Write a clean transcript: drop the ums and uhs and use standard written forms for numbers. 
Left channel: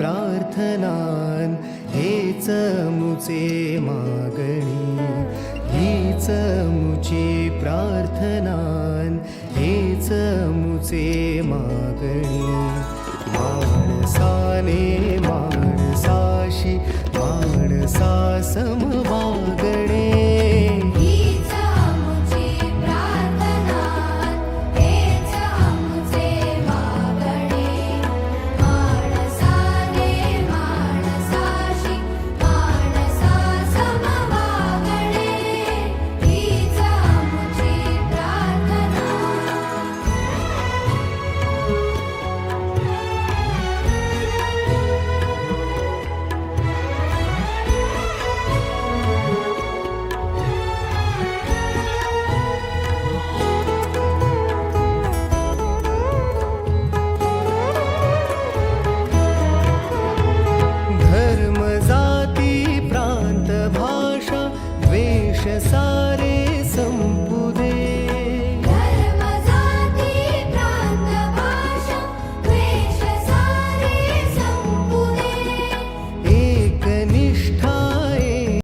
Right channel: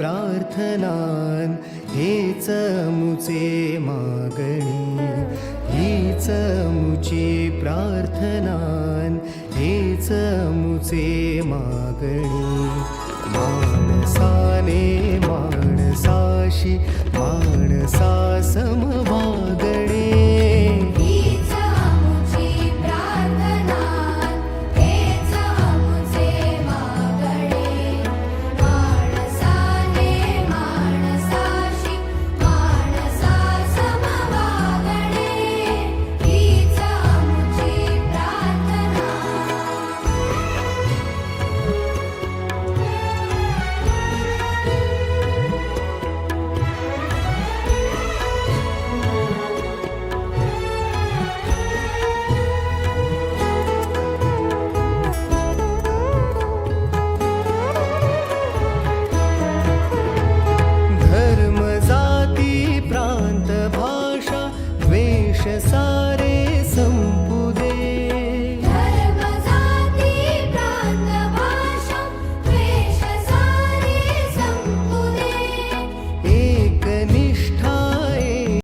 प्रार्थनान हेच मुचे मागणी, हीच मुची प्रार्थनान हेच मुचे मागणी. माणसाने माणसाशी माणसा समवागणे, हीच मुची प्रार्थना हेच मुचे मागणे. माणसाने माणसाशी माणसा समवागणे, हीच मुची प्रार्थना. धर्म जाती प्रांत भाषा द्वेष सारे